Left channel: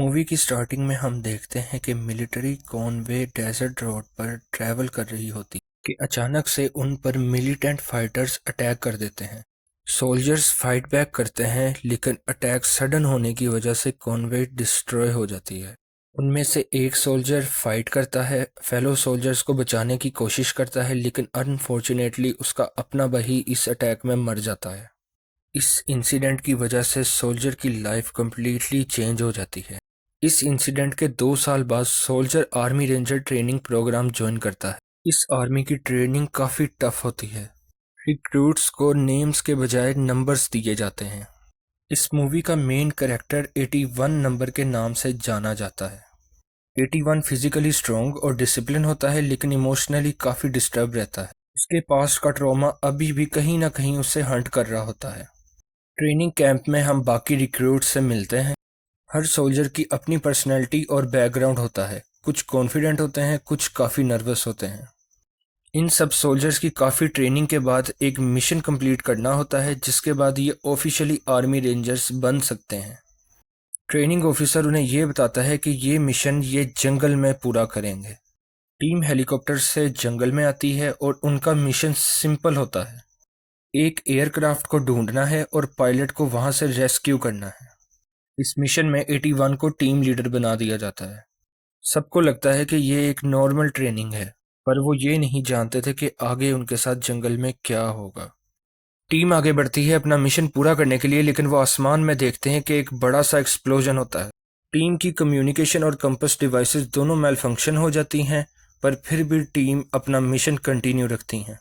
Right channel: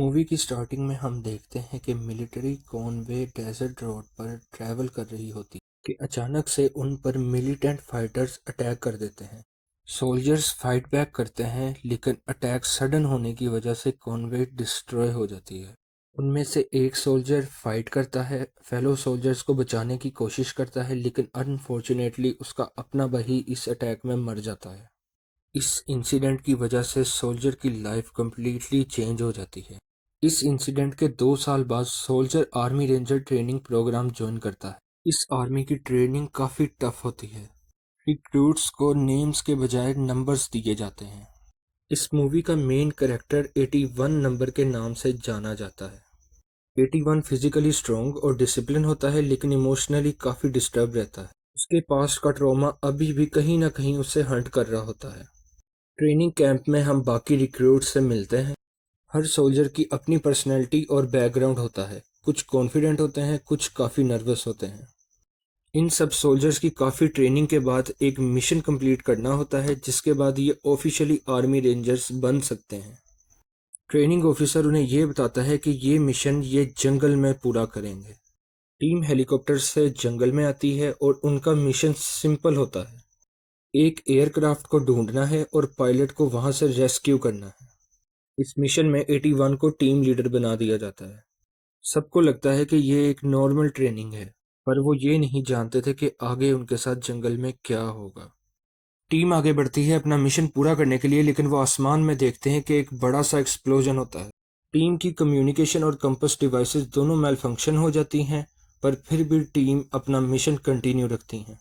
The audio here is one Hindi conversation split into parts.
मूवी की स्टार्टिंग में हम देखते हैं कि मिलिट्री कॉनवे डेजर्ट रोड पर ट्रैवल कर रही होती कि अचानक से उन पर मिलिटेंट फाइटर्स अटैक कर देते हैं। सोल्जर्स फाइट बैक करते हैं लेकिन अटैक सडन होने की वजह से कॉनवे डिस्ट्रॉय हो जाती है। उनमें से एक सोल्जर फाइट करता है, फेलो सोल्जर्स को बचाने की कोशिश करता है, लेकिन अनफॉर्चुनेटली उसका अपना भाई इस अटैक में मर जाता है। इस इंसिडेंट की वजह से सोल्जर की लाइफ कम्प्लीटली चेंज हो जाती है। इस इंसिडेंट के 2 साल बाद soldier army ranger training program join करता है। इस आर्मी की ट्रेनिंग काफ़ी टफ होती है। रिक्रूट्स को नेम्स के बजाय नंबर्स दिए जाते हैं। इस मूवी का मेन कैरेक्टर 81 नंबर के नाम से जाना जाता है। 81 फिजिकली स्ट्रॉन्ग और डिसिप्लिन होता है, लेकिन इमोशनली काफ़ी डिस्टर्ब रहता है। उसके पास्ट का ट्रॉमा अभी भी कहीं ना कहीं उसे हंट कर रहा होता है। ट्रेनिंग कैंप में हम बाकी रिक्रूट्स से मिलते हैं। हर सोल्जर की अपनी पर्सनैलिटी और बैकग्राउंड होता है। कुछ कॉन्फिडेंट होते हैं, कुछ काफ़ी नर्वस होते हैं। इन सब सोल्जर्स की काफ़ी ट्रेनिंग के बाद एक मिशन कंप्लीट करना होता है, जिसके बाद ये ऑफिशियली आर्मी रेंजर्स बन सकते हैं। ट्रेनिंग ऑफिसर उन्हें ये बताता है कि ये मिशन ये जंगल में पूरा करेंगे। टीम हेलीकॉप्टर से जंगल में आती है और उनका मिशन सिंपल होता है। एक एयरक्राफ्ट को ढूंढना है और पायलट को वहां से रेस्क्यू करना है। इस मिशन में 81 को टीम लीडर बना दिया जाता है। सबको लगता है कि ये एक नॉर्मल ट्रेनिंग है, पर वो ये नहीं जानते थे कि आगे उनके साथ जंगल में क्या होगा। टीम आगे बढ़ती है अपना मिशन पूरा करने के लिए, लेकिन वो आसमान में देखते हैं कि एक बड़ा सा एक्सप्लोजन होता है। टीम की कम्युनिकेशन और कंपास डिवाइसेस दोनों मेल फंक्शन हो जाती हैं, पर फिर भी टीम अपना मिशन कंटिन्यू रखती हैं।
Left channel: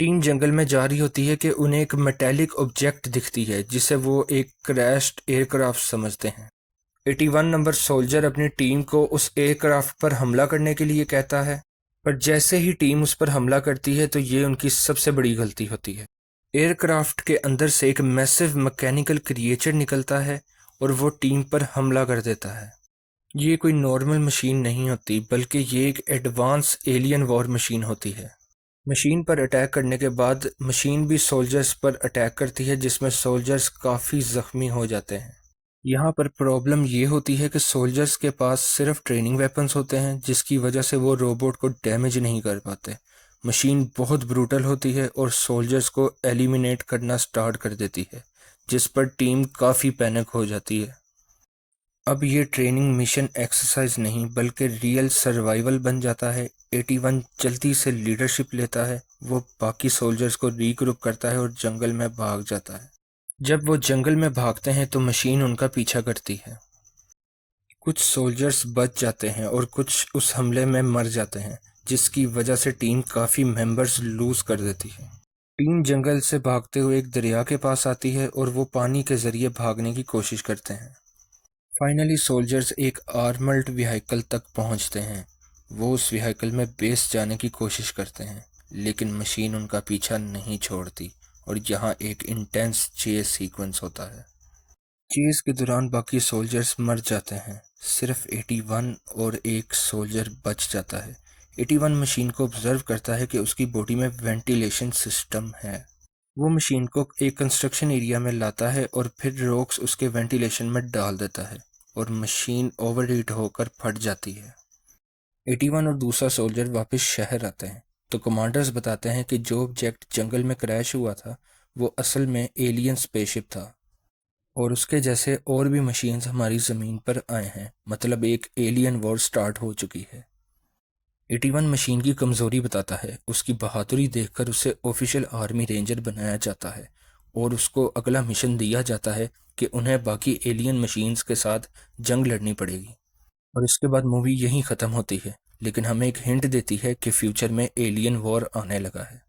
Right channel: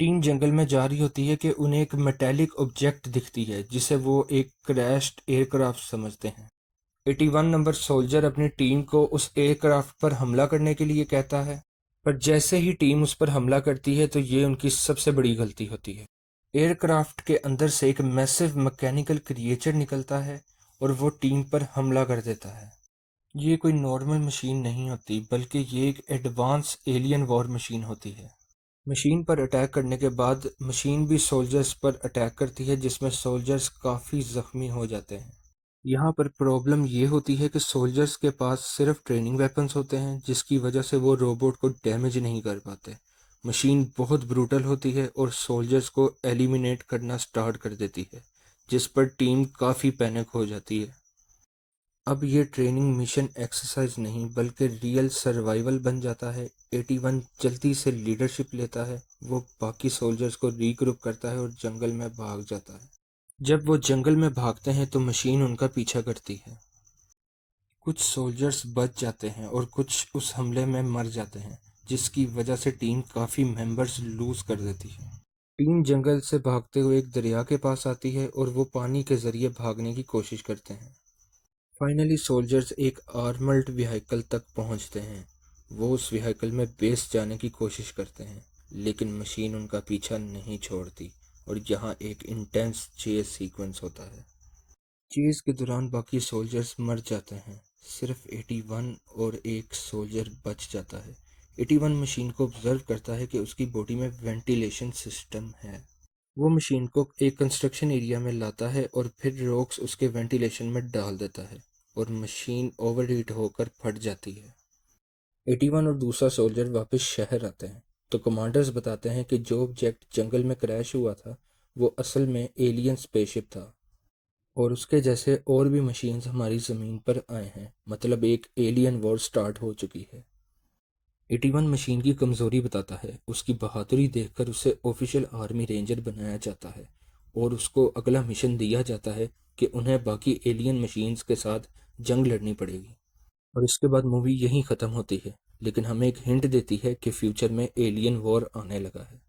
टीम जंगल में जा रही होती है कि उन्हें एक मेटेलिक ऑब्जेक्ट दिखती है, जिसे वो एक क्रैश्ड एयरक्राफ्ट समझते हैं। 81 नंबर सोल्जर अपनी टीम को उस एयरक्राफ्ट पर हमला करने के लिए कहता है, पर जैसे ही टीम उस पर हमला करती है तो ये उनकी सबसे बड़ी गलती होती है। एयरक्राफ्ट के अंदर से एक मैसिव मैकेनिकल क्रिएचर निकलता है और वो टीम पर हमला कर देता है। ये कोई नॉर्मल मशीन नहीं होती, बल्कि ये एक एडवांस एलियन वॉर मशीन होती है। मशीन पर अटैक करने के बाद मशीन भी सोल्जर्स पर अटैक करती है, जिसमें सोल्जर्स काफ़ी ज़ख्मी हो जाते हैं। यहाँ पर प्रॉब्लम ये होती है कि सोल्जर्स के पास सिर्फ ट्रेनिंग वेपन्स होते हैं, जिसकी वजह से वो रोबोट को डैमेज नहीं कर पाते। मशीन बहुत ब्रूटल होती है और सोल्जर्स को एलिमिनेट करना स्टार्ट कर देती है, जिस पर टीम काफ़ी पैनिक हो जाती है। अब ये ट्रेनिंग मिशन एक्सरसाइज नहीं बल्कि रियल सर्वाइवल बन जाता है। 81 जल्दी से लीडरशिप लेता है। वो बाकी सोल्जर्स को रीग्रुप करता है और जंगल में भाग जाता है। जब वो जंगल में भागते हैं तो मशीन उनका पीछा करती है। कुछ सोल्जर्स बच जाते हैं और कुछ उस हमले में मर जाते हैं, जिसकी वजह से टीम काफ़ी मेंबर्स लूज कर देती है। टीम जंगल से भागते हुए एक दरिया के पास आती है और वो पानी के जरिए भागने की कोशिश करते हैं। फाइनली सोल्जर्स एक आर्मर्ड व्हीकल तक पहुंचते हैं। वो उस व्हीकल में बेस जाने की कोशिश करते हैं, लेकिन मशीन उनका पीछा नहीं छोड़ती और यहाँ एक इंटेंस चेस सीक्वेंस होता है। चेस के दौरान बाकी सोल्जर्स मर जाते हैं, सिर्फ 81 और एक सोल्जर बच जाता है। 81 मशीन को ऑब्जर्व करता है कि उसकी बॉडी में वेंटिलेशन सिस्टम है। वो मशीन को एक कंस्ट्रक्शन एरिया में लाता है और फिर रॉक्स उसके वेंटिलेशन में डाल देता है और मशीन ओवरहीट होकर फट जाती है। 81 और दूसरा सोल्जर वापस शहर आते हैं तो कमांडर्स बताते हैं कि जो ऑब्जेक्ट जंगल में क्रैश हुआ था वो असल में एलियन स्पेसशिप था और उसके जैसे और भी मशीन्स हमारी ज़मीन पर आए हैं, मतलब एक एलियन वॉर स्टार्ट हो चुकी है। 81 मशीन की कमज़ोरी बताता है। उसकी बहादुरी देखकर उसे ऑफिशियल आर्मी रेंजर बनाया जाता है और उसको अगला मिशन दिया जाता है कि उन्हें बाकी एलियन मशीन्स के साथ जंग लड़नी पड़ेगी। और इसके बाद मूवी यहीं ख़त्म होती है, लेकिन हमें एक हिंट देती है कि फ्यूचर में एलियन वॉर आने लगा है।